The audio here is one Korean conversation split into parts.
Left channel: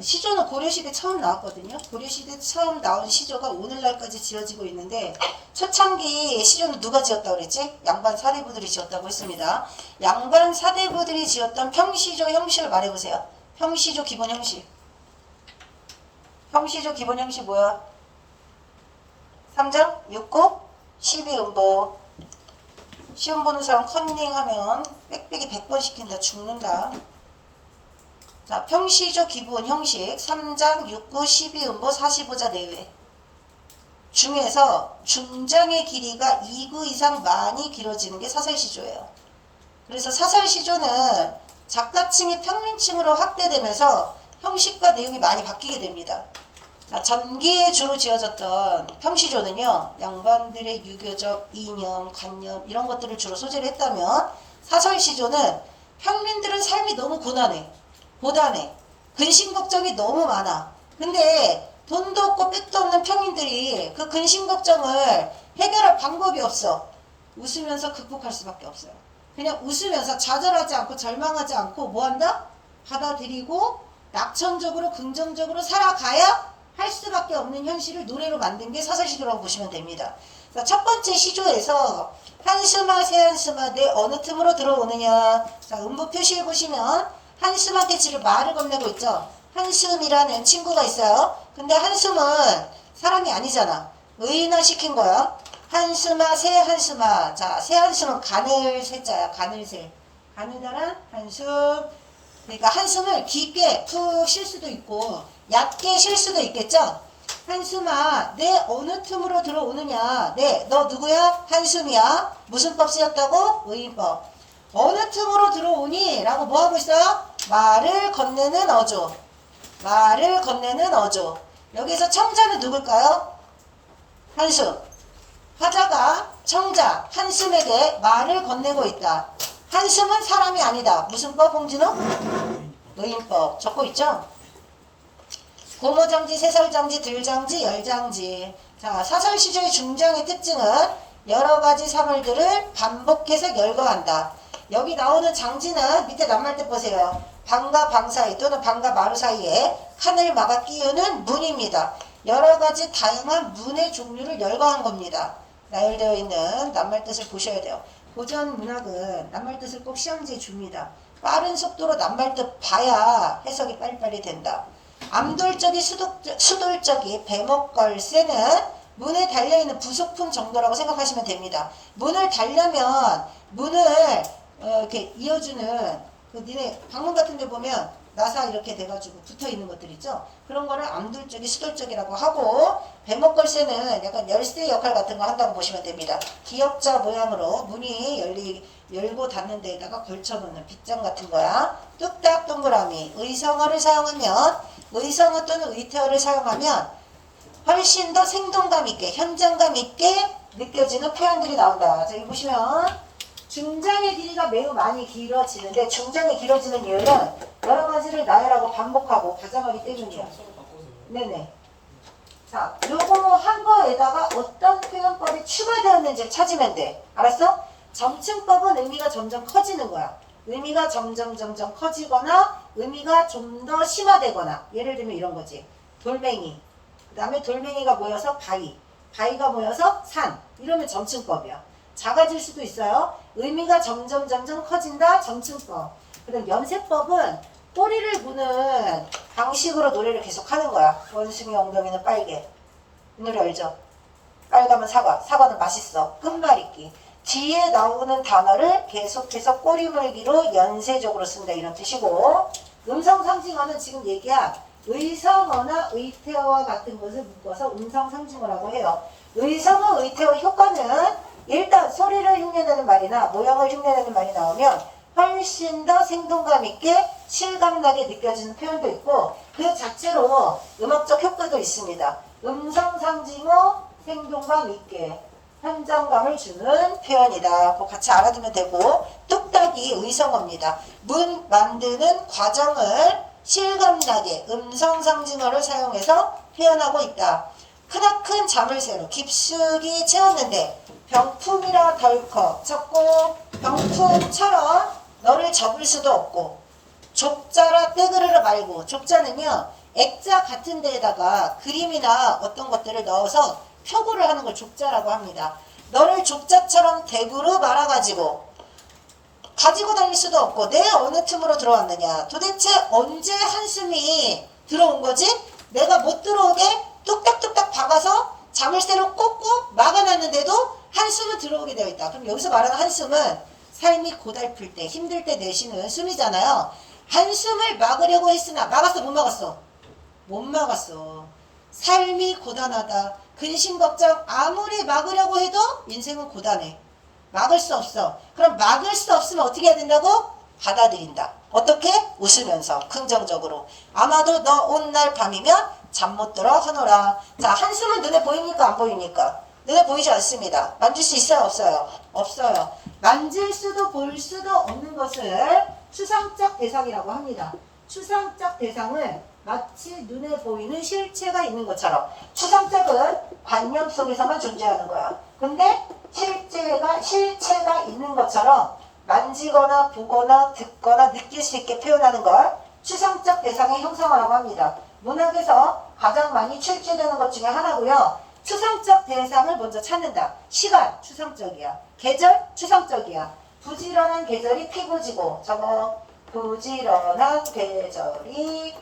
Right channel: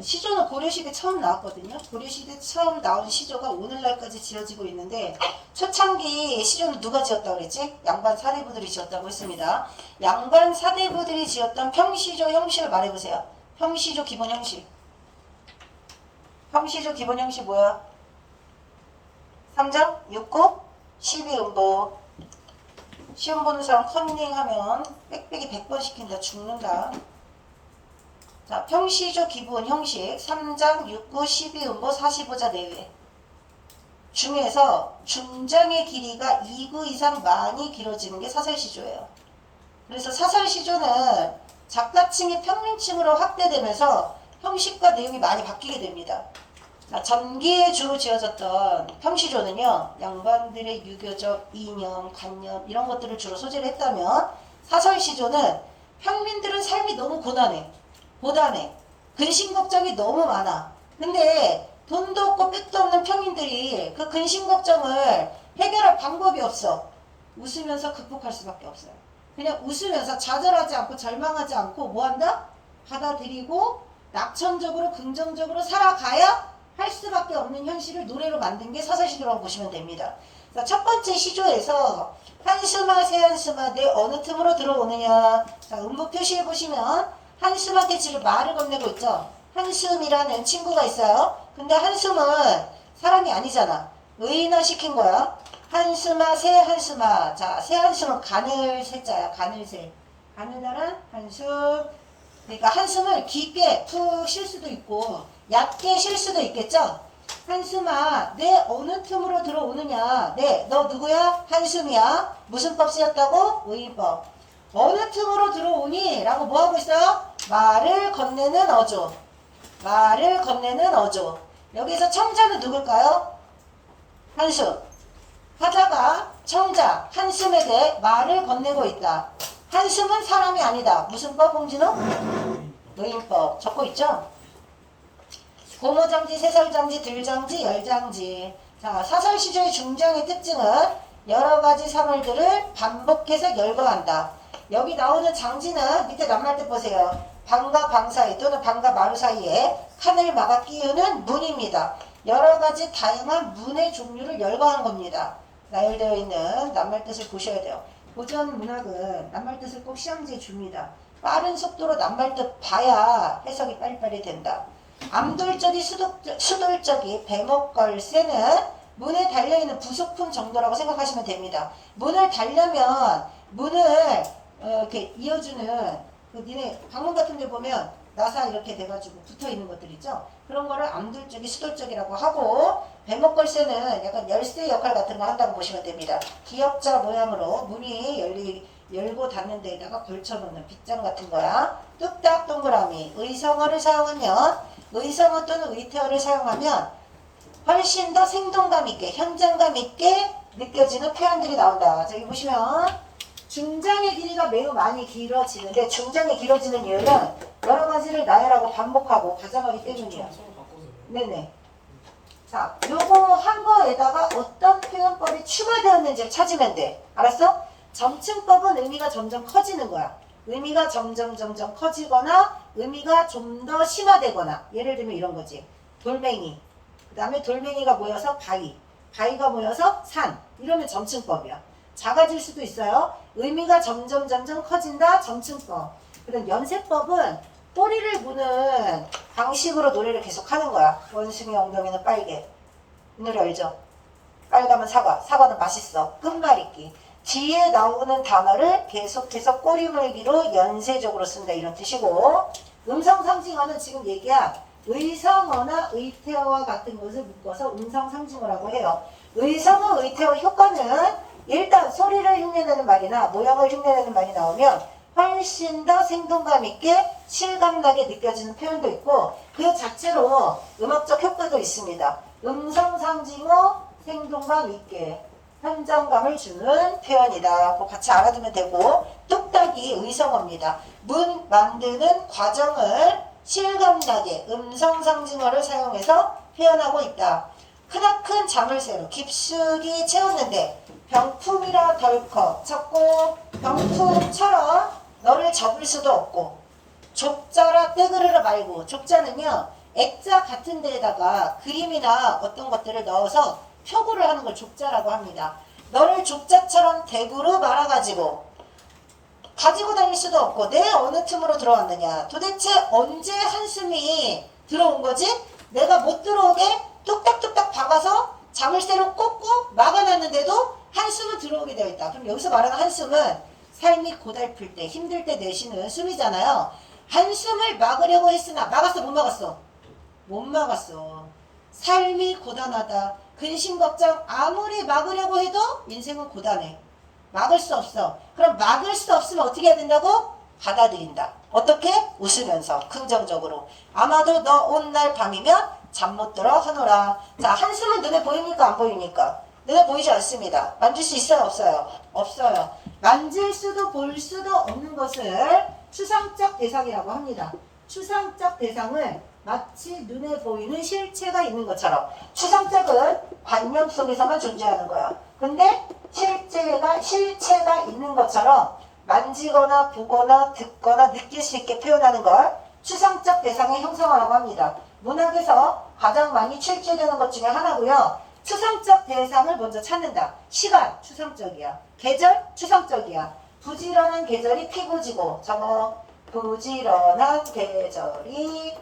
시조는 고려시대 처음 나왔거든요. 고려시대 처음 나온 시조가 오늘날까지 지어지고 있는데 초창기 시조는 누가 지었다고 그랬지? 양반 사대부들이 지었다고 했습니다. 양반 사대부들이 지었던 평시조 형식을 말해보세요. 평시조 기본 형식. 평시조 기본 형식 뭐야? 3장, 6고, 12음보. 시험 보는 사람 컨닝하면 빽빽이 100번 시킨다. 죽는다. 자, 평시조 기본 형식 3장, 6구, 12음보, 45자 내외 중에서 중장의 길이가 2구 이상 많이 길어지는 게 사설시조예요. 그래서 사설시조는 작가층이 평민층으로 확대되면서 형식과 내용이 많이 바뀌게 됩니다. 전기에 주로 지어졌던 평시조는요, 양반들의 유교적 이념, 관념 이런 것들을 주로 소재로 했다면 사설시조는 평민들은 삶이 너무 고단해. 근심 걱정이 너무 많아. 근데 돈도 없고 빽도 없는 평민들이 그 근심 걱정을 해결할 방법이 없어. 웃으면서 극복할 수밖에 없어요. 그냥 웃으면서 좌절하지 않고 절망하지 않고 뭐한다? 받아들이고 낙천적으로 긍정적으로 살아가야 할 수밖에 없는 현실을 노래로 만든 게 사설시조라고 보시면 됩니다. 자, 첫 번째 시조에서 한스마, 새한스마, 내 어느 틈으로 들어오느냐. 자, 음부 표시해 보시면 한숨 한테 지를 말을 건네고 있죠. 한숨이라는 친구가 있어요. 근데 한숨은 사람이 아니잖아. 의인화 시킨 거야. 한숨아, 새 한숨아. 자, 새 한숨은 가늘 새자야. 가늘새. 가느다란 한숨. 그러니까 한숨을 깊게 푹 쉴 수도 있고 얕게 쉴 수도 있겠죠. 한숨아, 내 어느 틈으로 들어오느냐. 네, 너 누구야? 한숨이야. 무슨 법 쓰였다고? 의인법. 어느 틈으로 들어오니? 라고 뭐하고 있어요? 말을 건네는 어조. 말을 건네는 어조. 여기서 청자는 누굴까요? 한숨. 화자가 청자 한숨에게 말을 건네고 있다. 한숨은 사람이 아니다. 무슨 법, 홍진호? 의인법. 적고 있죠? 고모장지, 세설장지, 들장지, 열장지. 자, 사설시조의 중장의 특징은 여러가지 사물들을 반복해서 열거한다. 여기 나오는 장지는 밑에 낱말뜻 보세요. 방과 방 사이 또는 방과 마루 사이에 칸을 막아 끼우는 문입니다. 여러가지 다양한 문의 종류를 열거한 겁니다. 나열되어 있는 낱말뜻을 보셔야 돼요. 고전 문학은 낱말뜻을 꼭 시험지에 줍니다. 빠른 속도로 낱말뜻 봐야 해석이 빨리빨리 된다. 암돌적이 수돌적이 배목걸쇠는 문에 달려있는 부속품 정도라고 생각하시면 됩니다. 문을 달려면 문을 이렇게 이어주는 니네 방문 같은 데 보면 나사 이렇게 돼가지고 붙어있는 것들 있죠. 그런 거를 암돌적이 수돌적이라고 하고 배목걸쇠는 약간 열쇠 역할 같은 거 한다고 보시면 됩니다. 기역자 모양으로 문이 열고 닫는 데에다가 걸쳐놓는 빗장 같은 거야. 뚝딱 동그라미. 의성어를 사용하면 의성어 또는 의태어를 사용하면 훨씬 더 생동감 있게 현장감 있게 느껴지는 표현들이 나온다. 자, 여기 보시면 중장의 길이가 매우 많이 길어지는데 중장이 길어지는 이유는 여러 가지를 나열하고 반복하고 가정하기 때문이에요. 네네. 자, 요거 한 거에다가 어떤 표현법이 추가되었는지 찾으면 돼. 알았어? 점층법은 의미가 점점 커지는 거야. 의미가 점점 커지거나 의미가 좀 더 심화되거나 예를 들면 이런 거지. 돌멩이. 그 다음에 돌멩이가 모여서 바위. 바위가 모여서 산. 이러면 점층법이야. 작아질 수도 있어요. 의미가 점점 커진다. 점층법. 그다음 연세법은 꼬리를 무는 방식으로 노래를 계속 하는 거야. 원숭이 엉덩이는 빨개. 이 노래 알죠? 빨가면 사과. 사과는 맛있어. 끝말잇기. 뒤에 나오는 단어를 계속해서 꼬리 물기로 연쇄적으로 쓴다. 이런 뜻이고 음성상징어는 지금 얘기한 의성어나 의태어와 같은 것을 묶어서 음성상징어라고 해요. 의성어, 의태어 효과는 일단 소리를 흉내내는 말이나 모양을 흉내내는 말이 나오면 훨씬 더 생동감 있게 실감나게 느껴지는 표현도 있고 그 자체로 음악적 효과도 있습니다. 음성상징어, 생동감 있게 현장감을 주는 표현이다. 그거 같이 알아두면 되고 뚝딱이 의성어입니다. 문 만드는 과정을 실감나게 음성상징어를 사용해서 표현하고 있다. 크나큰 자물쇠로 깊숙이 채웠는데 병풍이라 덜컥 쳤고 병풍처럼 너를 접을 수도 없고 족자라 떼그르르 말고 족자는요 액자 같은 데에다가 그림이나 어떤 것들을 넣어서 표구를 하는 걸 족자라고 합니다. 너를 족자처럼 대구로 말아가지고 가지고 다닐 수도 없고 내가 어느 틈으로 들어왔느냐. 도대체 언제 한숨이 들어온 거지? 내가 못 들어오게 뚝딱뚝딱 박아서 자물쇠로 꽂고 막아놨는데도 한숨은 들어오게 되어 있다. 그럼 여기서 말하는 한숨은 삶이 고달플 때 힘들 때 내쉬는 숨이잖아요. 한숨을 막으려고 했으나 막았어 못 막았어? 못 막았어. 삶이 고단하다. 근심 걱정 아무리 막으려고 해도 인생은 고단해. 막을 수 없어. 그럼 막을 수 없으면 어떻게 해야 된다고? 받아들인다. 어떻게? 웃으면서 긍정적으로. 아마도 너 온 날 밤이면 잠 못 들어 하노라. 자, 한숨은 눈에 보입니까? 안 보입니까? 눈에 보이지 않습니다. 만질 수 있어요? 없어요? 없어요. 만질 수도 볼 수도 없는 것을 추상적 대상이라고 합니다. 추상적 대상을 마치 눈에 보이는 실체가 있는 것처럼. 추상적은 관념 속에서만 존재하는 거야. 근데 실체가 있는 것처럼 만지거나 보거나 듣거나 느낄 수 있게 표현하는 걸 추상적 대상의 형상화라고 합니다. 문학에서 가장 많이 출제되는 것 중에 하나고요. 추상적 대상을 먼저 찾는다. 시간, 추상적이야. 계절, 추상적이야. 부지런한 계절이 피고 지고, 저거 부지런한 계절이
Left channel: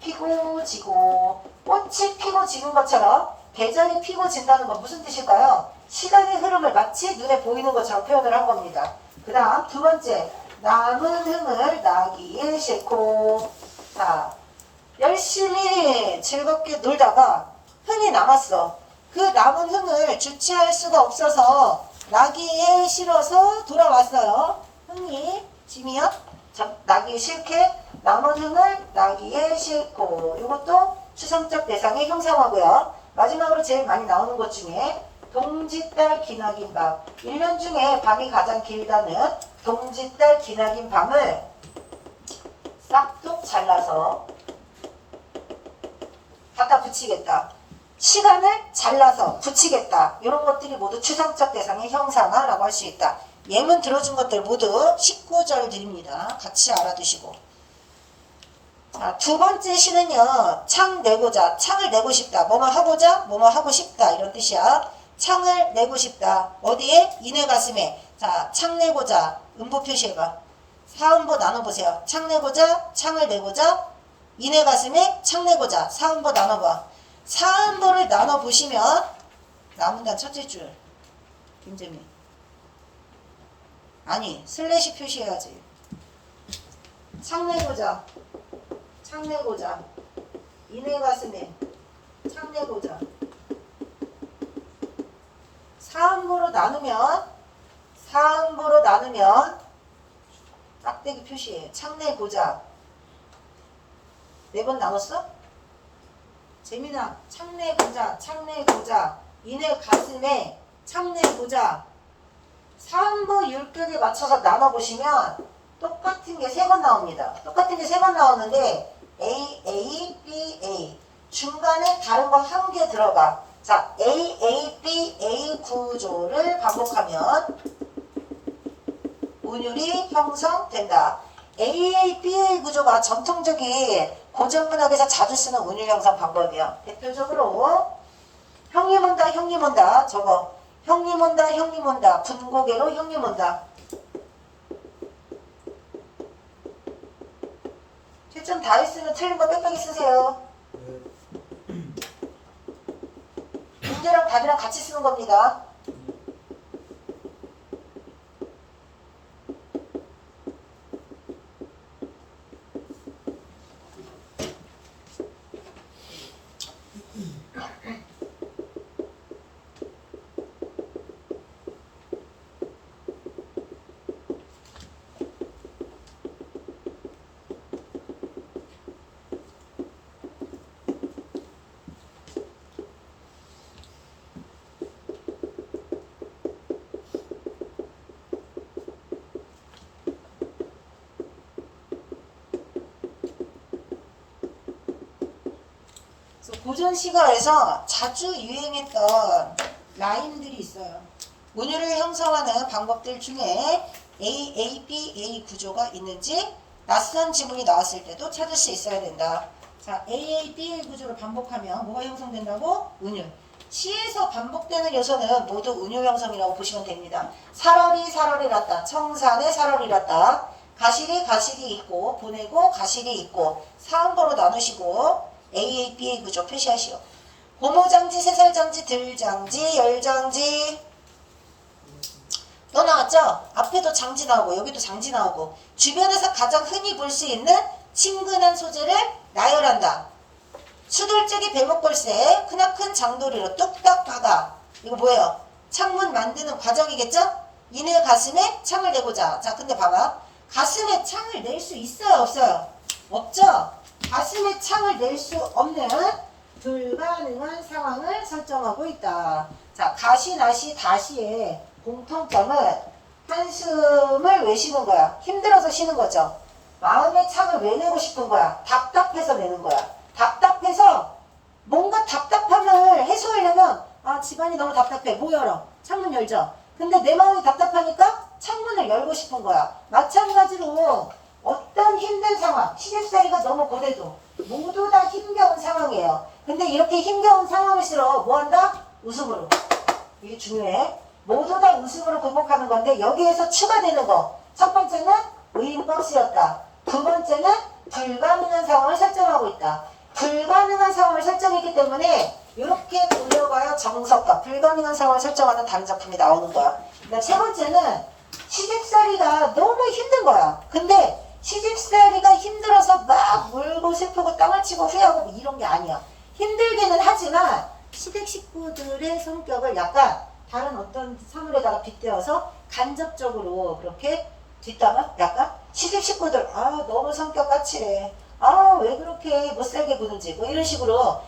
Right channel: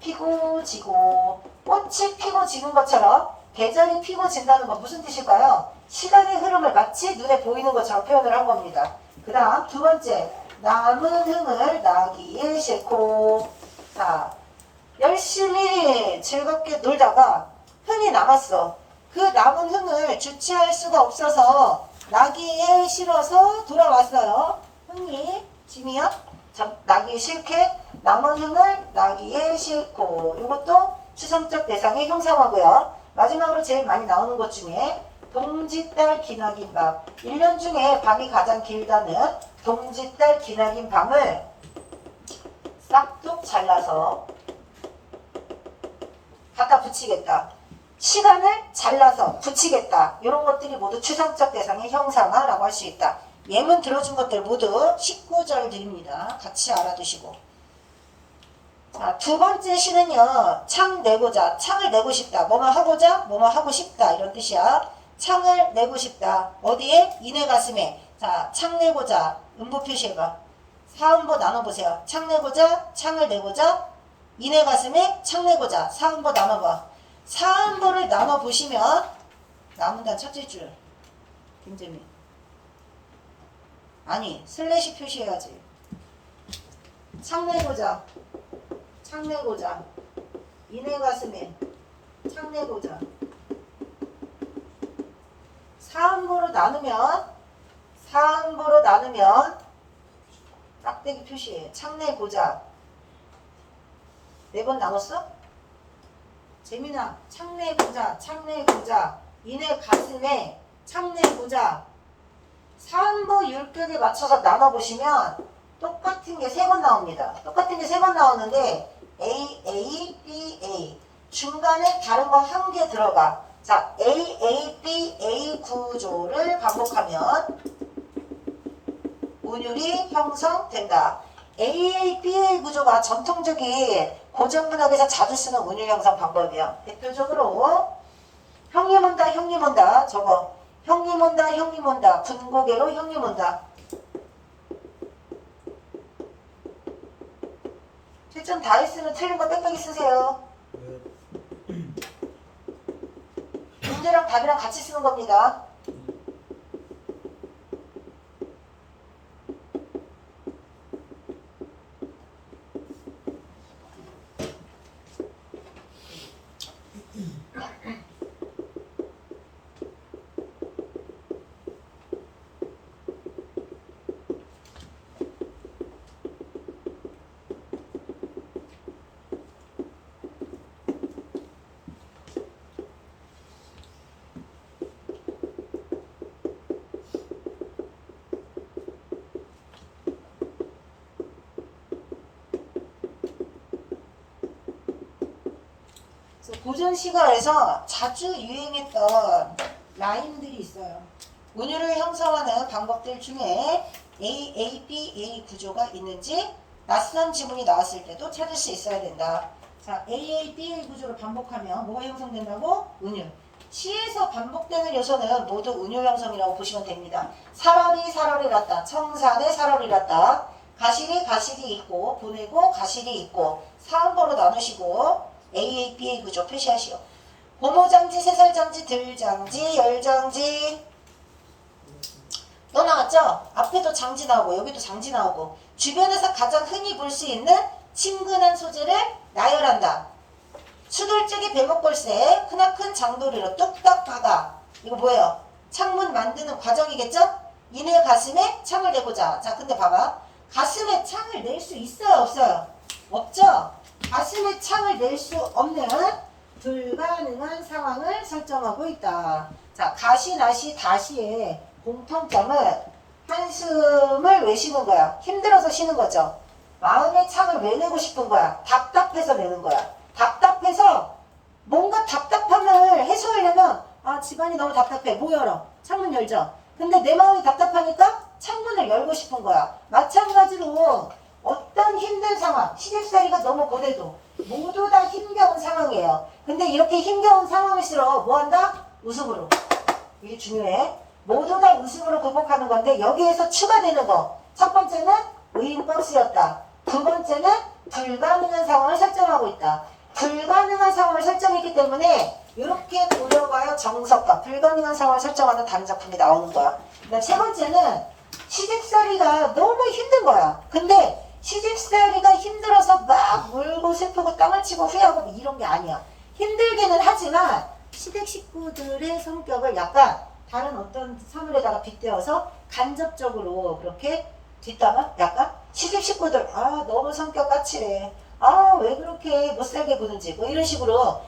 피고 지고, 꽃이 피고 지는 것처럼 계절이 피고 진다는 건 무슨 뜻일까요? 시간의 흐름을 마치 눈에 보이는 것처럼 표현을 한 겁니다. 그 다음 두 번째, 남은 흥을 나기에 싣고. 자, 열심히 즐겁게 놀다가 흥이 남았어. 그 남은 흥을 주체할 수가 없어서 나기에 실어서 돌아왔어요. 흥이 짐이야? 나기에 실게 남은 흥을 나기에 싣고. 이것도 추상적 대상의 형상화고요. 마지막으로 제일 많이 나오는 것 중에 동짓달 기나긴 밤. 1년 중에 밤이 가장 길다는 동짓달 기나긴 밤을 싹둑 잘라서 갖다 붙이겠다. 시간을 잘라서 붙이겠다. 이런 것들이 모두 추상적 대상의 형상화라고 할 수 있다. 예문 들어준 것들 모두 19절 드립니다. 같이 알아두시고. 자, 두 번째 시는요. 창 내고자. 창을 내고 싶다. 뭐뭐 하고자, 뭐뭐 하고 싶다. 이런 뜻이야. 창을 내고 싶다. 어디에? 이내 가슴에. 자, 창 내고자. 음보 표시해봐. 사음보 나눠보세요. 창 내고자, 창을 내고자, 이내 가슴에 창 내고자. 사음보 나눠봐. 사음보를 나눠보시면 남은단 첫째 줄. 김재민. 아니, 슬래시 표시해야지. 창 내고자. 창 내고자. 이내 가슴에 창 내고자. 사음보로 나누면 짝대기 표시해. 창 내고자. 4번 나눴어? 재민아, 창 내고자, 창 내고자. 이내 가슴에 창 내고자. 사음보 율격에 맞춰서 나눠보시면 똑같은 게 3번 나옵니다. 똑같은 게 3번 나오는데 A, A, B, A. 중간에 다른 거 한 개 들어가. 자, A, A, B, A 구조를 반복하면 운율이 형성된다. A, A, B, A 구조가 전통적인 고전문학에서 자주 쓰는 운율 형성 방법이에요. 대표적으로 형님 온다, 형님 온다. 저거 형님 온다, 형님 온다. 분고개로 형님 온다. 채점 다 했으면 틀린 거 빽빽이 쓰세요. 문제랑 답이랑 같이 쓰는 겁니다. 고전 시가에서 자주 유행했던 라임들이 있어요. 운율을 형성하는 방법들 중에 A, A, B, A 구조가 있는지 낯선 지문이 나왔을 때도 찾을 수 있어야 된다. 자, AA, BA 구조로 반복하면 뭐가 형성된다고? 은유. 시에서 반복되는 요소는 모두 은유 형성이라고 보시면 됩니다. 살얼이 났다. 청산에 살얼이 났다. 가실이 있고 보내고 가실이 있고 사음보로 나누시고 AA, BA 구조 표시하시오. 고무장지, 새살장지, 들장지, 열장지 또 나왔죠? 앞에도 장지 나오고 여기도 장지 나오고 주변에서 가장 흔히 볼 수 있는 친근한 소재를 나열한다. 수돌적이 배목골세 크나큰 장도리로 뚝딱 박아. 이거 뭐예요? 창문 만드는 과정이겠죠? 이내 가슴에 창을 내고자. 자, 근데 봐봐. 가슴에 창을 낼 수 있어요? 없어요? 없죠? 가슴에 창을 낼 수 없는 불가능한 상황을 설정하고 있다. 자, 가시, 나시, 다시의 공통점은 한숨을 왜 쉬는 거야? 힘들어서 쉬는 거죠. 마음의 창을 왜 내고 싶은 거야? 답답해서 내는 거야. 답답해서 뭔가 답답함을 해소하려면 집안이 너무 답답해. 뭐 열어? 창문 열죠. 근데 내 마음이 답답하니까 창문을 열고 싶은 거야. 마찬가지로 어떤 힘든 상황, 시집살이가 너무 고대도 모두 다 힘겨운 상황이에요. 근데 이렇게 힘겨운 상황일수록 뭐 한다? 웃음으로. 이게 중요해. 모두 다 웃음으로 극복하는 건데 여기에서 추가되는 거. 첫 번째는 의인버스였다. 두 번째는 불가능한 상황을 설정하고 있다. 불가능한 상황을 설정했기 때문에 이렇게 돌려봐야 정석과 불가능한 상황을 설정하는 다른 작품이 나오는 거야. 그다음 세 번째는 시집살이가 너무 힘든 거야. 근데 시집살이가 힘들어서 막 울고 슬프고 땅을 치고 후회하고 뭐 이런 게 아니야. 힘들기는 하지만 시댁 식구들의 성격을 약간 다른 어떤 사물에다가 빗대어서 간접적으로 그렇게 뒷담화 약간 시집 식구들 너무 성격 까칠해. 왜 그렇게 못살게 구는지 뭐 이런 식으로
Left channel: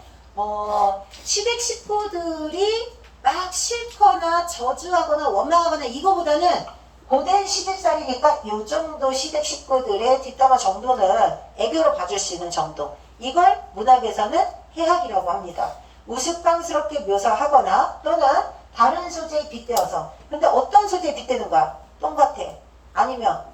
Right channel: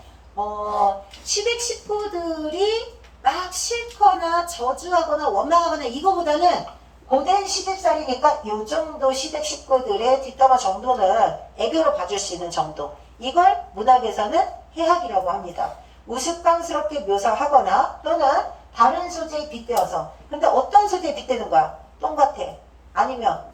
시댁 식구들이 막 싫거나 저주하거나 원망하거나 이거보다는 고된 시집살이니까 요 정도 시댁 식구들의 뒷담화 정도는 애교로 봐줄 수 있는 정도. 이걸 문학에서는 해학이라고 합니다. 우스꽝스럽게 묘사하거나 또는 다른 소재에 빗대어서. 근데 어떤 소재에 빗대는 거야? 똑같아. 아니면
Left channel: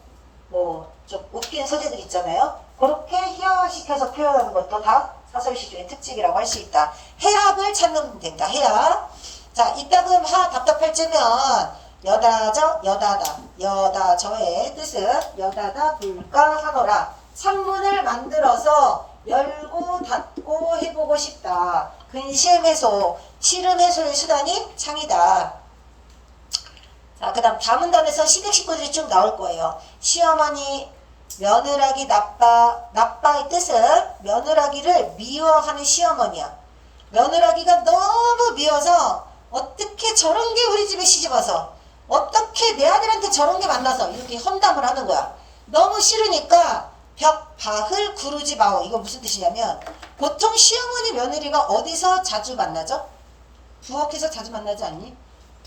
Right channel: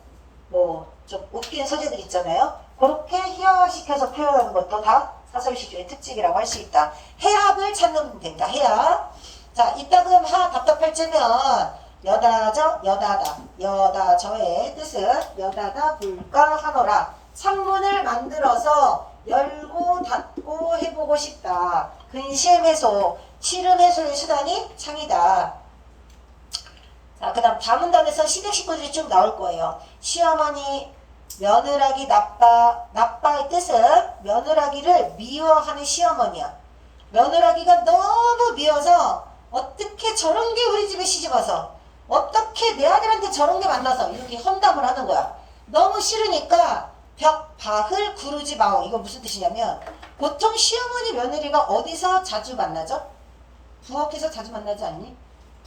뭐 좀 웃긴 소재들 있잖아요. 그렇게 희화화시켜서 표현하는 것도 다 사설시조의 특징이라고 할 수 있다. 해학을 찾는 된다. 해학. 자, 이따금 답답할 때면 여다저 여다다. 여다저의 뜻은 여다다 불가 하노라. 창문을 만들어서 열고 닫고 해보고 싶다. 근심 해소, 시름 해소의 수단이 창이다. 자, 그 다음 다음 문단에서 시댁 식구들이 쭉 나올 거예요. 시어머니, 며느라기 나빠의 뜻은 며느라기를 미워하는 시어머니야. 며느라기가 너무 미워서 어떻게 저런 게 우리 집에 시집와서 어떻게 내 아들한테 저런 게 만나서 이렇게 험담을 하는 거야. 너무 싫으니까 벽바을 구르지 마오. 이건 무슨 뜻이냐면 보통 시어머니 며느리가 어디서 자주 만나죠? 부엌에서 자주 만나지 않니?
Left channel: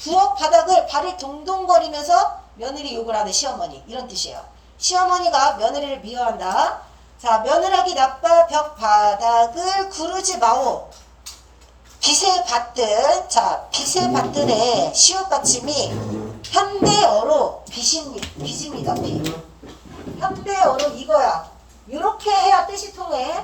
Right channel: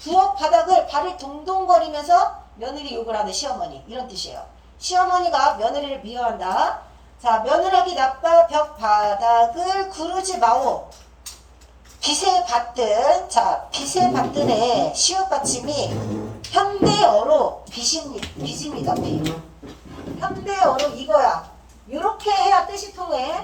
부엌 바닥을 발이 동동거리면서 며느리 욕을 하는 시어머니 이런 뜻이에요. 시어머니가 며느리를 미워한다. 자, 며느라기 나빠 벽 바닥을 구르지 마오. 빛에 받든, 자, 빛에 받든의 시옷 받침이 현대어로 빛입니다. 빛. 현대어로 이거야. 이렇게 해야 뜻이 통해.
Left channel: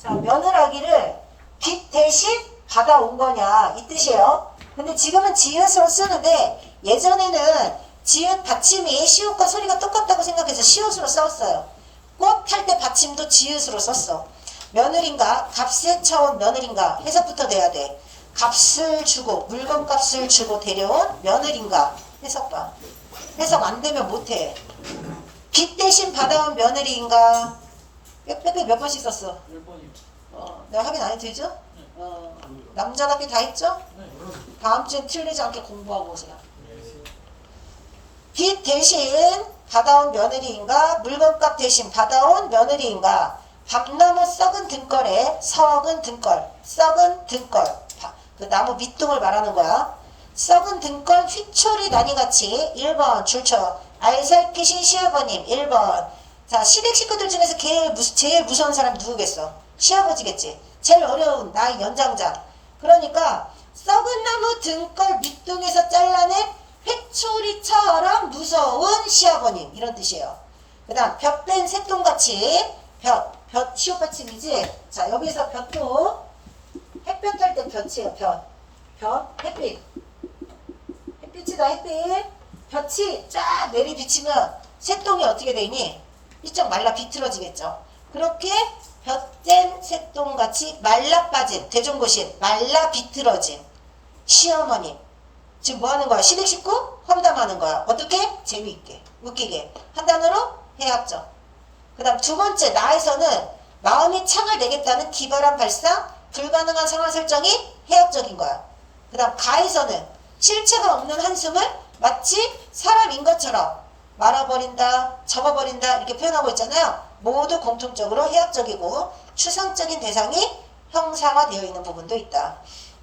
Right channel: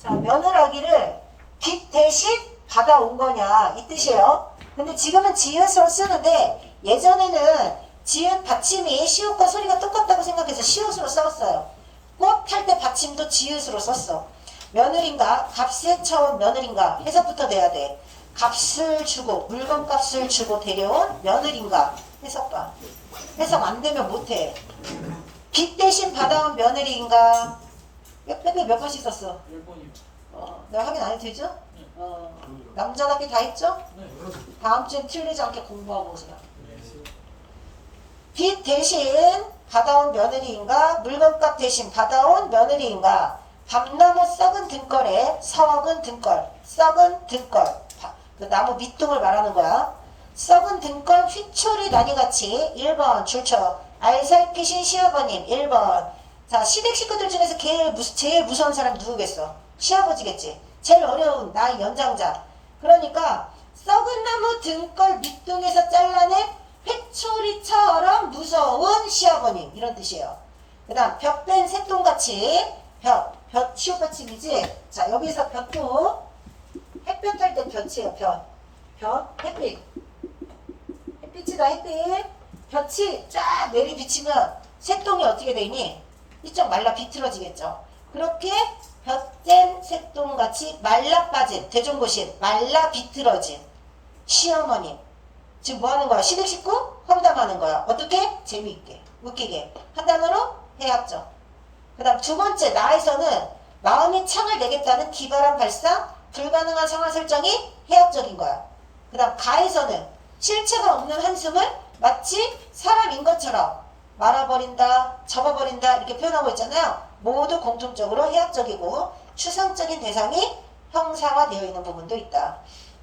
자, 며느라기를 빛 대신 받아온 거냐 이 뜻이에요. 근데 지금은 지읒으로 쓰는데 예전에는 지읒 받침이 시옷과 소리가 똑같다고 생각해서 시옷으로 썼어요. 꽃 할 때 받침도 지읒으로 썼어. 며느린가 값에 차온 며느린가 해석부터 돼야 돼. 값을 주고 물건값을 주고 데려온 며느린가 해석 봐. 해석 안 되면 못해. 빚 대신 받아온 며느리인가 몇 번씩 썼어? 1번이요. 내가 확인 안 해도 되죠? 남자답게 다 했죠? 다음 주엔 틀리지 않게 공부하고 오세요. 빚 대신 받아온 며느리인가 물건값 대신 받아온 며느리인가 밤 넘어 썩은 등걸에 서먹은 등걸 썩은 등걸 그 나무 밑둥을 말하는 거야. 썩은 등걸 휘초리 다니같이 1번 줄쳐 알살피신 시아버님 1번. 자, 시댁 식구들 중에서 제일 무서운 사람 누구겠어? 시아버지겠지. 제일 어려운 나의 연장자. 그러니까 썩은 나무 등걸 밑둥에서 잘라낸 회초리처럼 무서운 시아버님 이런 뜻이에요. 그 다음 볕 뺀 새똥같이 볕 시옷받침이지. 자 여기서 볕도 햇볕 할 때 볕이에요. 햇빛 햇빛이다. 햇빛 볕이 쫙 내리 비치면 새똥이 어떻게 되니? 이쪽 말라 비틀어지겠죠. 그렇게 볕된 새똥같이 말라 빠진 대종고신 말라 비틀어진 시어머니. 지금 뭐 하는 거야? 시댁 식구 험담하는 거야. 어떻게? 재미있게 웃기게 한 단어로 해학적. 그 다음 두 번째 나에서는 마음이 창을 내겠다는 기발한 발상 불가능한 상황 설정이 해학적인 거야. 그 다음 가에서는 실체가 없는 한숨을 마치 사람인 것처럼 말아버린다 접어버린다 이렇게 표현하고 있잖아요. 모두 공통적으로 해학적이고 추상적인 대상이 형상화되어 있는 부분도 있다.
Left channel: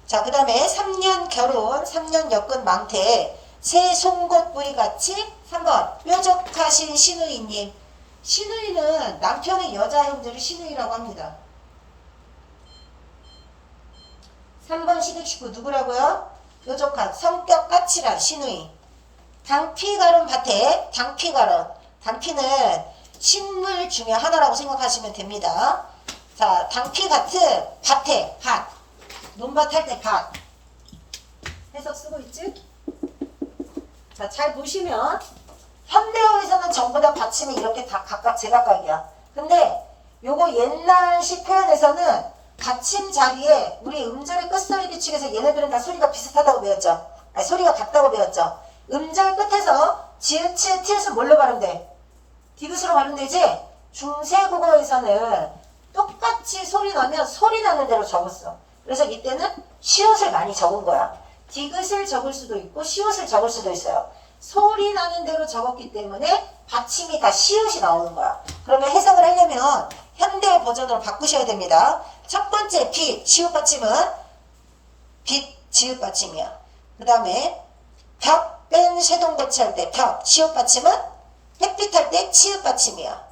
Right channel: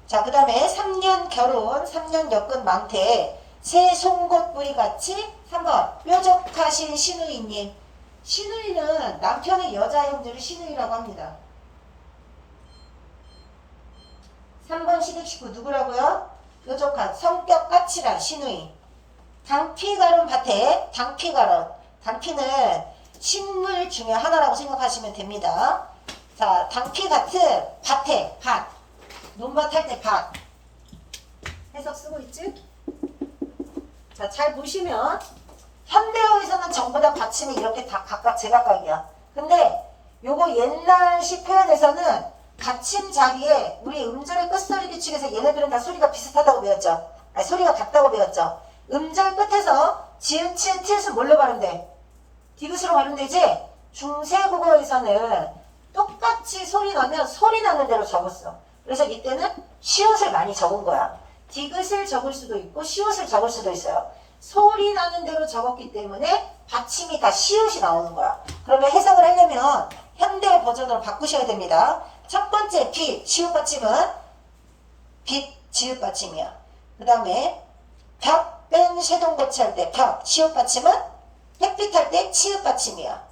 자, 그 다음에 3년 결혼, 3년 여건 망태, 새 송곳 뿌리같이 3번 뾰족하신 시누이님. 시누이는 남편의 여자 형제를 시누이라고 합니다. 3번 시댁 식구 누구라고요? 뾰족한 성격 까칠한 시누이. 당피가론 밭에 당피가론. 당피는 식물 중에 하나라고 생각하시면 됩니다. 자, 당피 같은 밭에 밭. 논밭 할 때 밭. 해석 쓰고 있지? 자, 잘 보시면 현대어에서는 전부 다 받침이 이렇게 다 각각 제각각이야. 근데 요거 옛날식 표현에서는 받침 자리에 우리 음절의 끝소리 규칙에서 얘네들은 다 소리가 비슷하다고 배웠죠. 아니, 소리가 같다고 배웠죠. 음절 끝에서 지읒, 치읒, 티읒은 뭘로 발음돼? 디귿으로 발음되지? 중세국어에서는 똑같이 소리 나면 소리 나는 대로 적었어. 그래서 이때는 시옷을 많이 적은 거야. 디귿을 적을 수도 있고 시옷을 적을 수도 있어요. 소리 나는 대로 적었기 때문에 받침이 다 시옷이 나오는 거야. 그러면 해석을 하려면 현대 버전으로 바꾸셔야 됩니다. 첫 번째 빛, 시옷 받침은 빛, 지읒 받침이야. 그 다음에 벽 뺀 쇠동거치 할 때 벽, 시옷 받침은 햇빛 할 때 치읒 받침이야.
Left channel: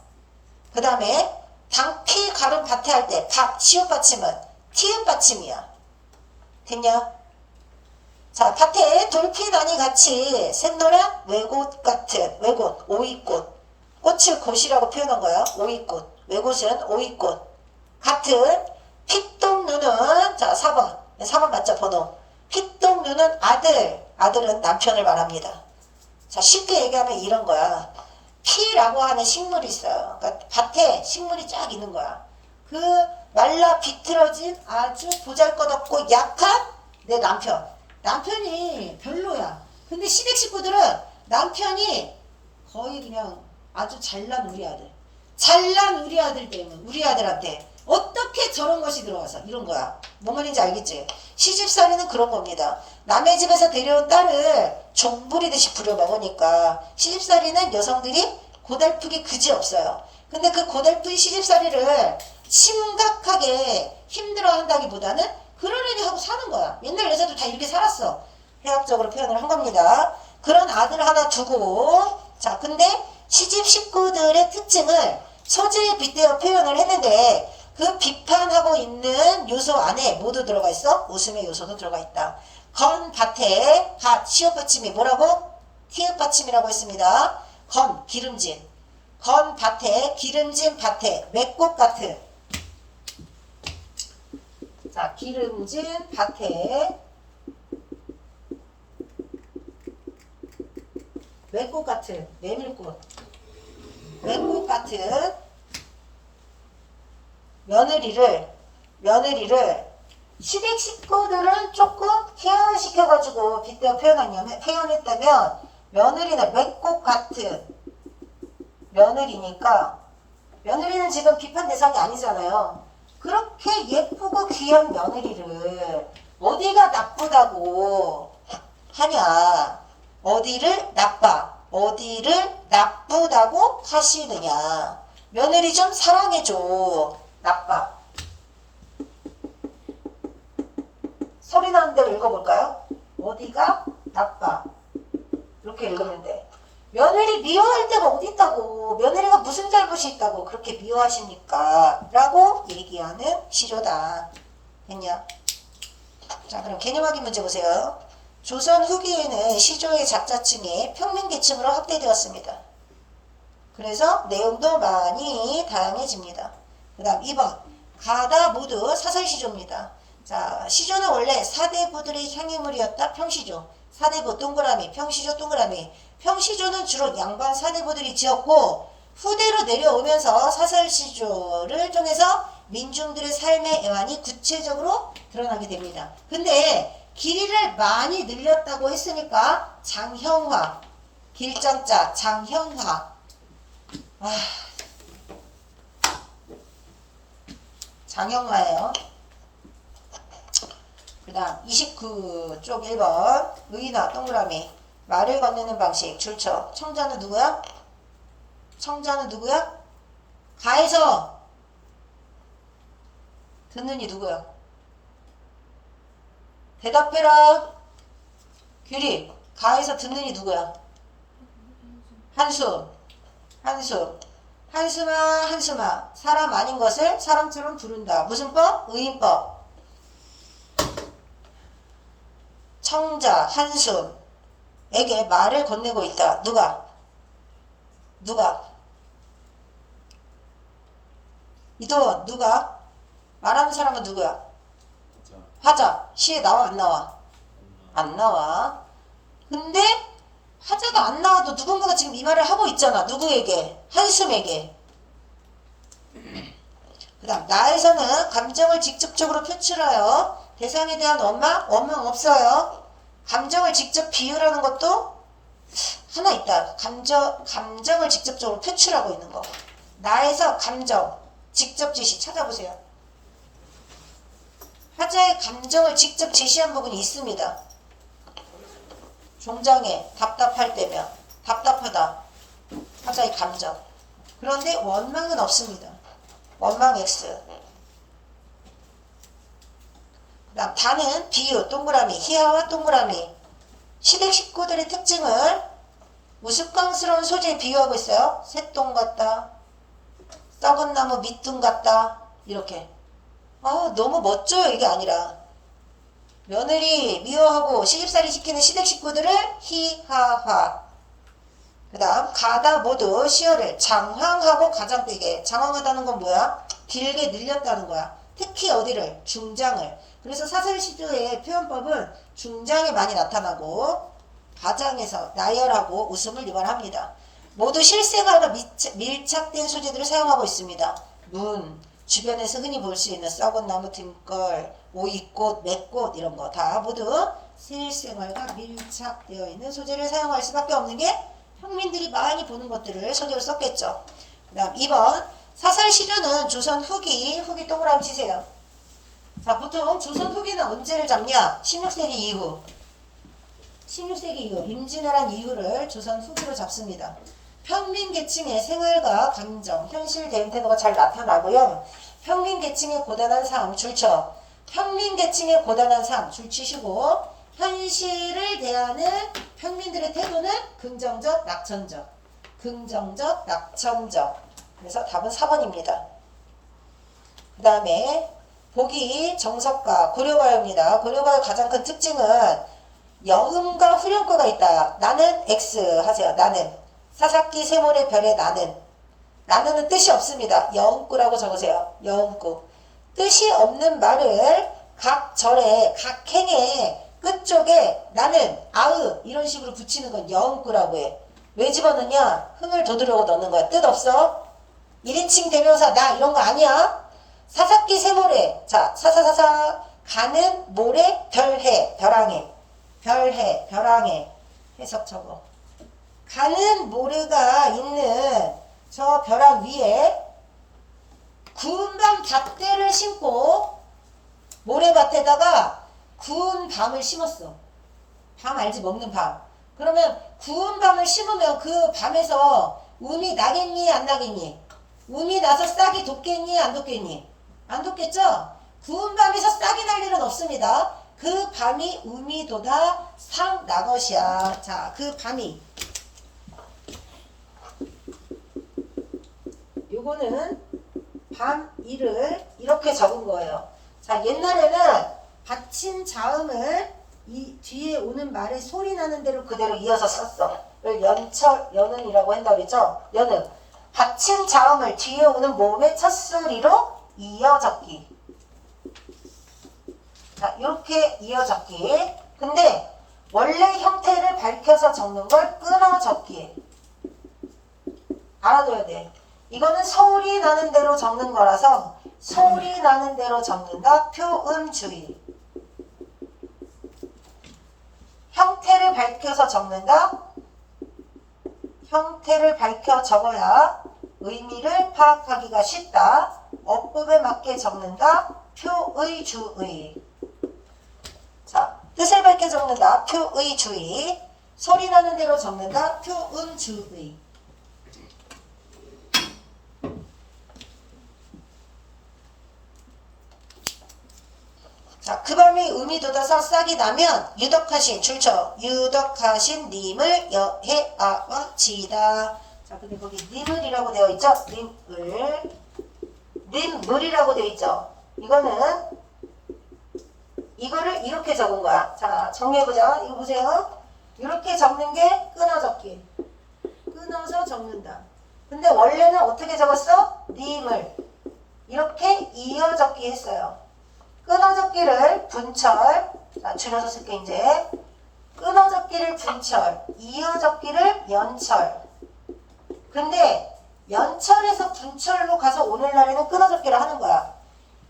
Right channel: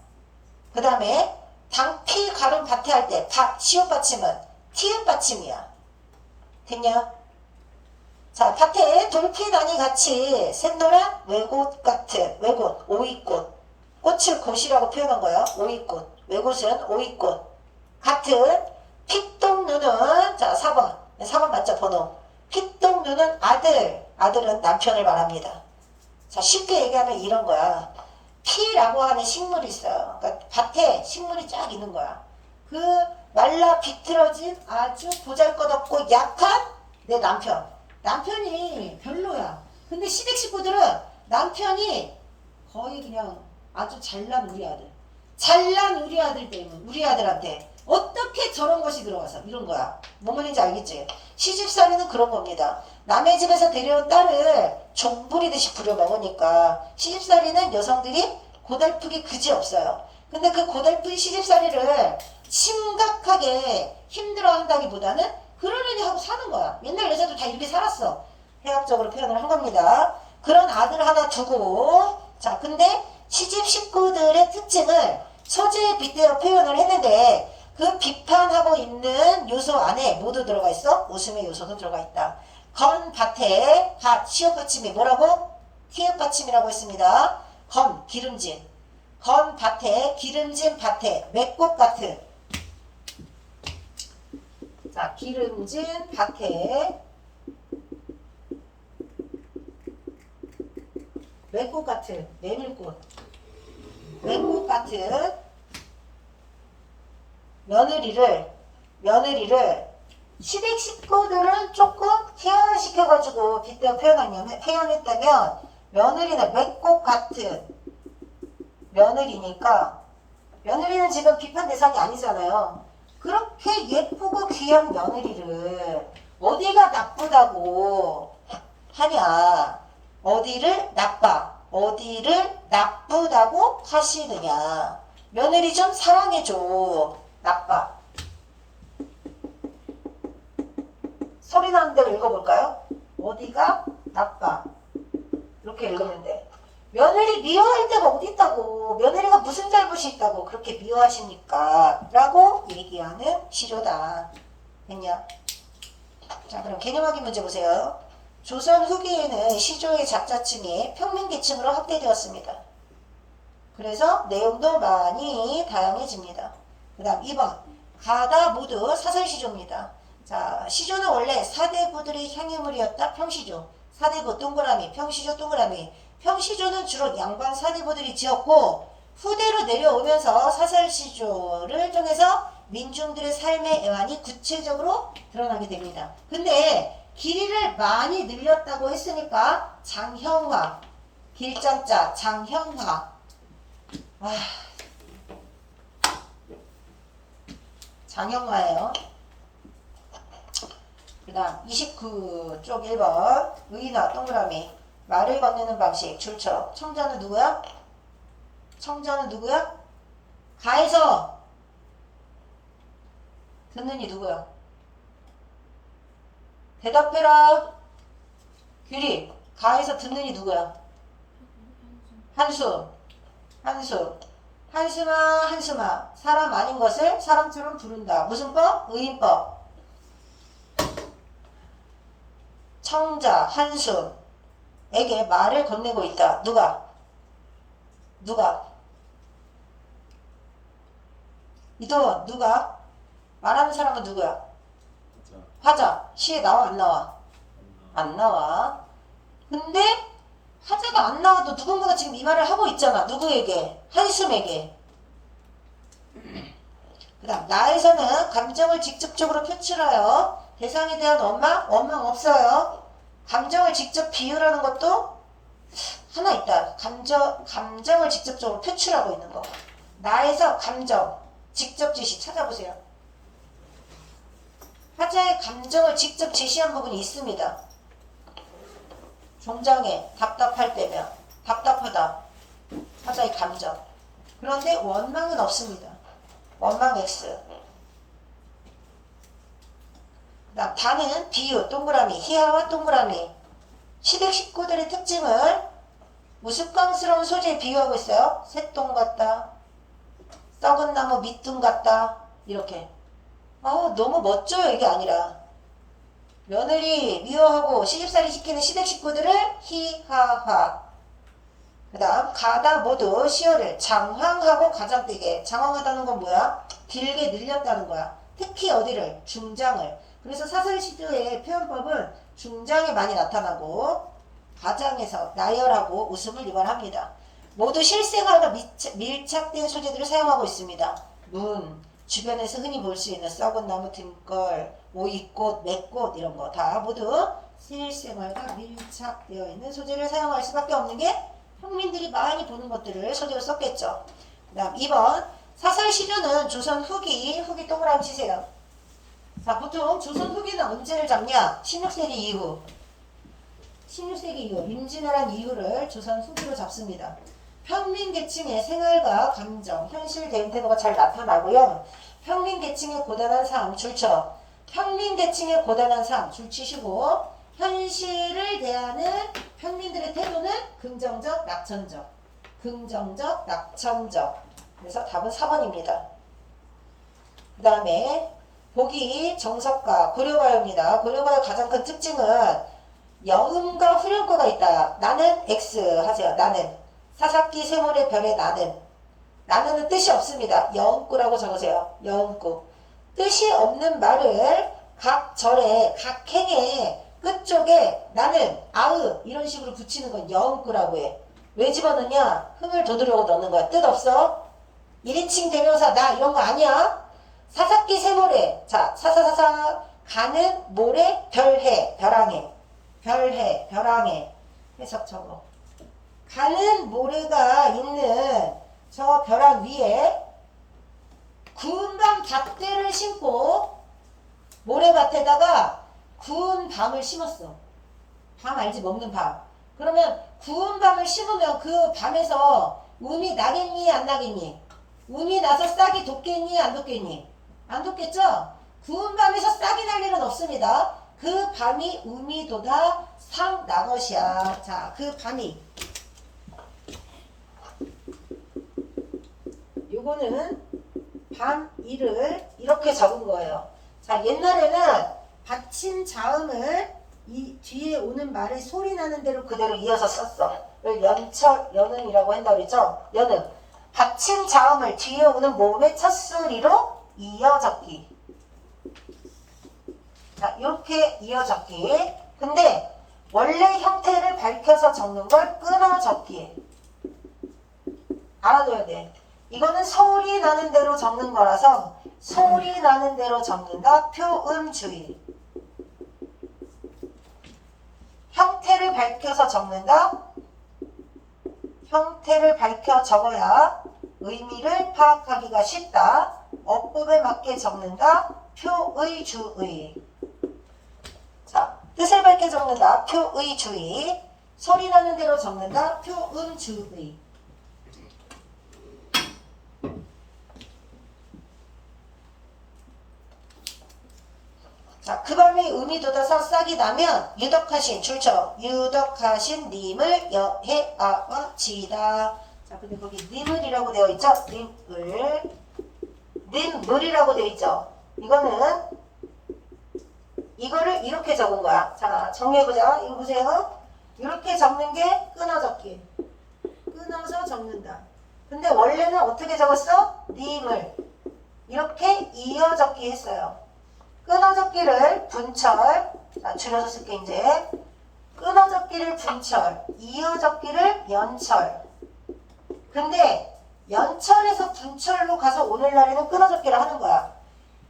그 다음에 당피 가름 밭에 할 때 박, 시옷 받침은 티읒 받침이야. 됐냐? 자, 밭에 돌핀아니 같이 샛노란 외곳 같은 외곳, 오이꽃. 꽃을 꽃이라고 표현한 거야. 오이꽃. 외곳은 오이꽃. 같은 핏똥 눈은 자 4번 맞죠? 번호. 핏똥 눈은 아들은 남편을 말합니다. 자, 쉽게 얘기하면 이런 거야. 피라고 하는 식물이 있어요. 그러니까 밭에 식물이 쫙 있는 거야. 그 말라 비틀어진 아주 보잘것없고 약한 내 남편이 별로야. 근데 시댁 식구들은 남편이 거의 그냥 아주 잘난 우리 아들 때문에 우리 아들한테 어떻게 저런 것이 들어와서 이런 거야. 뭔 말인지 알겠지? 시집살이는 그런 겁니다. 남의 집에서 데려온 딸을 종부리듯이 부려먹으니까 시집살이는 여성들이 고달프기 그지없어요. 근데 그 고달픈 시집살이를 심각하게 힘들어한다기보다는 그러려니 하고 사는 거야. 옛날 여자들 다 이렇게 살았어. 해학적으로 표현을 한 겁니다. 그런 아들 하나 두고 자, 근데 시집 식구들의 특징을 소재에 빗대어 표현을 했는데 그 비판하고 있는 요소 안에 모두 들어가 있어. 웃음의 요소도 들어가 있다. 건 밭에 밭 시옷 받침이 뭐라고? 티읕 받침이라고 했습니다. 건 기름진 건 밭에 기름진 밭에 맷꽃 같은 자 기름진 밭에 맷꽃 같은 메밀꽃 맷꽃 같은 며느리를 시댁 식구들은 조금 태연시켜가지고 빗대어 표현했다면 며느리는 맷꽃 같은 며느리니까 며느리는 지금 비판 대상이 아니잖아요. 그렇게 예쁘고 귀한 며느리를 어디가 나쁘다고 하냐. 어디를 나쁘다고 하시느냐. 며느리 좀 사랑해줘. 나빠. 소리 나는 대로 읽어볼까요? 어디가 나빠. 이렇게 읽으면 돼. 며느리 미워할 데가 어디 있다고. 며느리가 무슨 잘못이 있다고 그렇게 미워하시니까 라고 얘기하는 시조다. 됐냐? 자, 그럼 개념 확인 문제 보세요. 조선 후기에는 시조의 작자층이 평민계층으로 확대되었습니다. 그래서 내용도 많이 다양해집니다. 그 다음 2번. 가다 모두 사설시조입니다. 자, 시조는 원래 사대부들의 향유물이었다. 평시조. 사대부 동그라미, 평시조 동그라미. 평시조는 주로 양반 사대부들이 지었고 후대로 내려오면서 사설시조를 통해서 민중들의 삶의 애환이 구체적으로 드러나게 됩니다. 근데 길이를 많이 늘렸다고 했으니까 장형화, 길정자, 장형화. 장형화예요. 그 다음 29쪽 1번 의인화 동그라미 말을 건네는 방식 줄쳐. 청자는 누구야? 청자는 누구야? 가에서 듣는 이 누구야? 대답해라. 규리. 가에서 듣는 이 누구야? 한숨. 한숨. 한숨아 한숨아. 사람 아닌 것을 사람처럼 부른다. 무슨 법? 의인법. 청자 한숨에게 말을 건네고 있다. 누가? 이동원 누가? 말하는 사람은 누구야? 화자. 시에 나와 안 나와? 안 나와. 근데 화자가 안 나와도 누군가가 지금 이 말을 하고 있잖아. 누구에게? 한숨에게. 그 다음 나에서는 감정을 직접적으로 표출하여 대상에 대한 원망 없어요. 감정을 직접 비유라는 것도 하나 있다. 감정을 직접적으로 표출하고 있는 거. 나에서 감정, 직접 제시 찾아보세요. 화자의 감정을 직접 제시한 부분이 있습니다. 종장에 답답할 때면 답답하다. 화자의 감정. 그런데 원망은 없습니다. 원망 X. 그다음 다는 비유 동그라미 희화와 동그라미. 시댁 식구들의 특징을 우스꽝스러운 소재에 비유하고 있어요. 새똥 같다. 썩은 나무 밑둥 같다. 이렇게. 너무 멋져요. 이게 아니라 며느리 미워하고 시집살이 시키는 시댁 식구들을 희화화. 그 다음 가다 모두 시어를 장황하고 가장되게. 장황하다는 건 뭐야? 길게 늘렸다는 거야. 특히 어디를? 중장을. 그래서 사설시조의 표현법은 중장에 많이 나타나고 가장에서 나열하고 웃음을 유발합니다. 모두 실생활과 밀착된 소재들을 사용하고 있습니다. 문, 주변에서 흔히 볼 수 있는 썩은 나무 등걸, 오이꽃, 맥꽃 이런 거 다 모두 실생활과 밀착되어 있는 소재를 사용할 수밖에 없는 게 평민들이 많이 보는 것들을 소재로 썼겠죠. 그 다음 2번 사설시조는 조선 후기 동그라미 치세요. 자, 보통 조선 후기는 언제를 잡냐? 16세기 이후. 16세기 이후 임진왜란 이후를 조선 후기로 잡습니다. 평민계층의 생활과 감정, 현실 대응 태도가 잘 나타나고요. 평민계층의 고단한 삶, 줄쳐. 평민계층의 고단한 삶, 줄치시고 현실을 대하는 평민들의 태도는 긍정적, 낙천적. 긍정적, 낙천적. 그래서 답은 4번입니다. 그 다음에 보기 정석가, 고려가요입니다. 고려가요 가장 큰 특징은 여음과 후렴구가 있다. 나는 X 하세요. 나는. 사사기 세모의 별의 나는. 나는은 뜻이 없습니다. 여음구라고 적으세요. 여음구. 뜻이 없는 말을 각 절에, 각 행의 끝쪽에 나는, 아으 이런 식으로 붙이는 건 여음구라고 해. 왜 집어넣냐? 흥을 돋우려고 넣는 거야. 뜻 없어? 1인칭 대명사 나 이런 거 아니야? 사사기 세모래. 자, 사사사사 가는 모래 별해 벼랑해. 별해 벼랑해. 해석 적어. 가는 모래가 있는 저 벼랑 위에 구운 밤 잣대를 심고 모래밭에다가 구운 밤을 심었어. 밤 알지? 먹는 밤. 그러면 구운 밤을 심으면 그 밤에서 음이 나겠니? 안 나겠니? 음이 나서 싹이 돋겠니? 안 돋겠니? 안 돋겠죠? 구운 밤에서 싹이 날 일은 없습니다. 그 밤이 음이 돋아 상 나것이야. 자, 그 밤이. 요거는 밤 일을 이렇게 적은 거예요. 자, 옛날에는 받침 자음을 이 뒤에 오는 말에 소리 나는 대로 그대로 이어서 썼어. 이걸 연철, 연은이라고 한다고 그랬죠? 연은. 받침 자음을 뒤에 오는 모음의 첫 소리로 이어 적기. 자, 이렇게 이어 적기. 근데 원래 형태를 밝혀서 적는 걸 끊어 적기. 알아둬야 돼. 이거는 소리 나는 대로 적는 거라서 소리 나는 대로 적는다. 표음주의. 형태를 밝혀서 적는다. 형태를 밝혀 적어야 의미를 파악하기가 쉽다. 어법에 맞게 적는다. 표의주의. 자, 뜻을 밝혀 적는다. 표의주의. 소리 나는 대로 적는다. 표음주의. 자, 그 밤이 음이 돋아서 싹이 나면 유덕하신 줄쳐 유덕하신 님을 여해아와 지다. 자, 근데 거기 님을이라고 되어 있죠? 님물이라고 되어 있죠? 이거를 이렇게 적은 거야. 자, 정리해보자. 이거 보세요. 이렇게 적는 게 끊어 적기. 끊어서 적는다. 근데 원래는 어떻게 적었어? 님을 이렇게 이어 적기 했어요. 끊어적기를 분철, 줄여서 쓸게 이제. 끊어적기를 분철, 이어적기를 연철. 근데 연철에서 분철로 가서 오늘날에는 끊어적기를 하는 거야.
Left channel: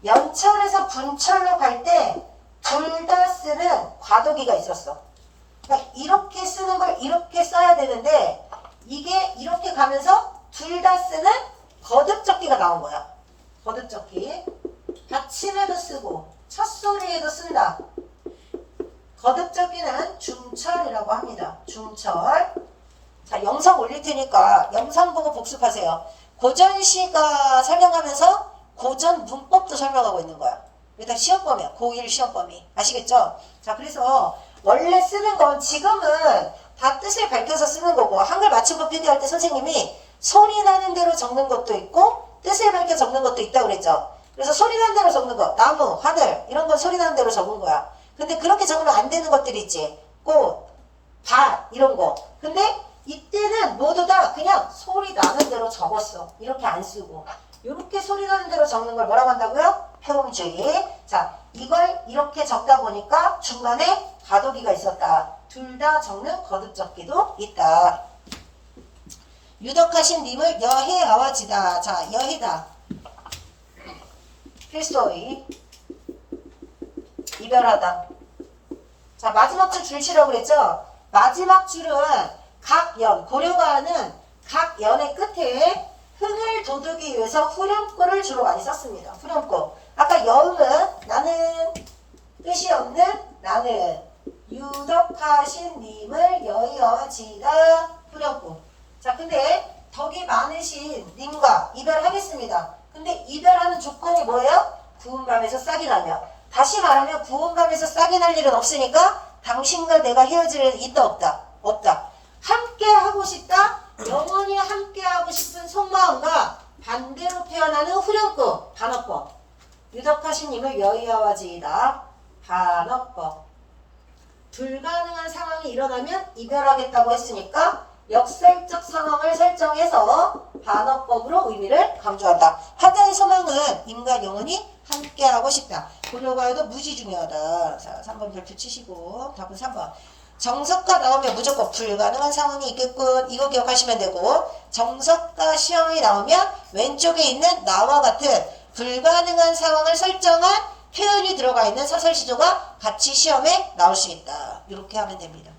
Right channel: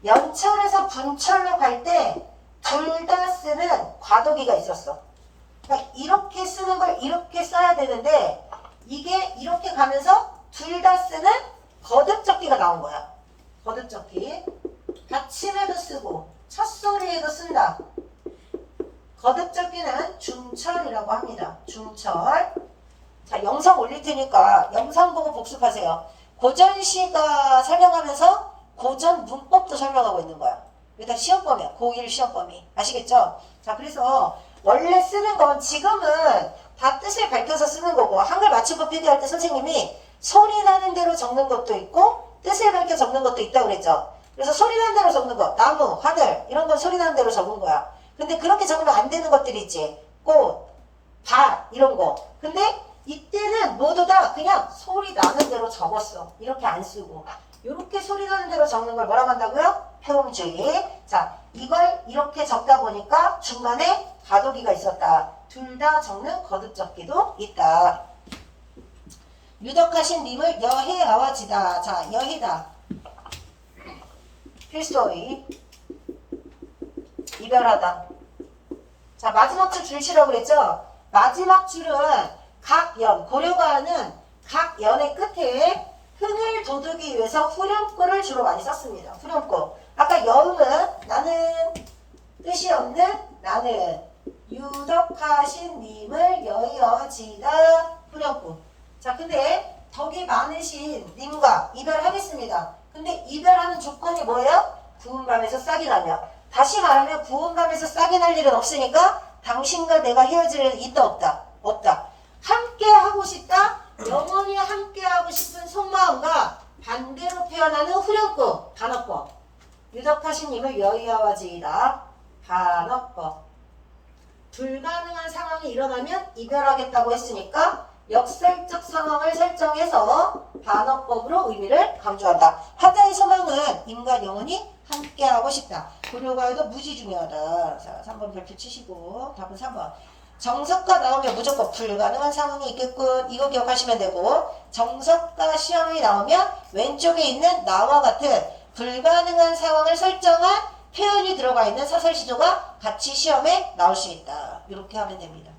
연철에서 분철로 갈 때 둘 다 쓰는 과도기가 있었어. 그러니까 이렇게 쓰는 걸 이렇게 써야 되는데 이게 이렇게 가면서 둘 다 쓰는 거듭적기가 나온 거야. 거듭적기. 받침에도 쓰고 첫 소리에도 쓴다. 거듭적기는 중철이라고 합니다. 중철. 자, 영상 올릴 테니까 영상 보고 복습하세요. 고전시가 설명하면서 고전 문법도 설명하고 있는 거야. 이게 다 시험범위야. 고1 시험범위. 아시겠죠? 자, 그래서 원래 쓰는 건 지금은 다 뜻을 밝혀서 쓰는 거고 한글 맞춤법 필기할 때 선생님이 소리 나는 대로 적는 것도 있고 뜻을 밝혀 적는 것도 있다고 그랬죠? 그래서 소리 나는 대로 적는 거, 나무, 하늘 이런 건 소리 나는 대로 적은 거야. 근데 그렇게 적으면 안 되는 것들이 있지. 꽃, 밭 이런 거. 근데 이때는 모두 다 그냥 소리 나는 대로 적었어. 이렇게 안 쓰고. 이렇게 소리 나는 대로 적는 걸 뭐라고 한다고요? 표음주의. 자, 이걸 이렇게 적다 보니까 중간에 가도기가 있었다. 둘 다 적는 거듭적기도 있다. 유덕하신 님을 여해아와지다. 자, 여해다. 필소의. 이별하다. 자, 마지막 줄 줄치라고 그랬죠? 마지막 줄은 각 연, 고려가 하는 각 연의 끝에 흥을 돋우기 위해서 후렴구를 주로 많이 썼습니다. 후렴구. 아까 여음은 나는, 뜻이 없는 나는, 유덕하신 님을 여여지다 후렴구. 자, 근데 덕이 많으신 님과 이별하겠습니다. 근데 이별하는 조건이 뭐예요? 구운밤에서 싹이 나면. 다시 말하면 구운밤에서 싹이 날 일은 없으니까 당신과 내가 헤어질 일은 있다 없다? 없다. 함께 하고 싶다? 영원히 함께 하고 싶은 속마음과 반대로 표현하는 후렴구 반어법. 유덕하신 님을 여의하와지이다. 반어법. 불가능한 상황이 일어나면 이별하겠다고 했으니까 역설적 상황을 설정해서 반어법으로 의미를 강조한다. 하자의 소망은 인간 영혼이 함께하고 싶다. 고려가에도 무지 중요하다. 자, 3번 별표 치시고 답은 3번. 정석가 나오면 무조건 불가능한 상황이 있겠군. 이거 기억하시면 되고, 정석가 시험이 나오면 왼쪽에 있는 나와 같은 불가능한 상황을 설정한 표현이 들어가 있는 사설시조가 같이 시험에 나올 수 있다. 이렇게 하면 됩니다.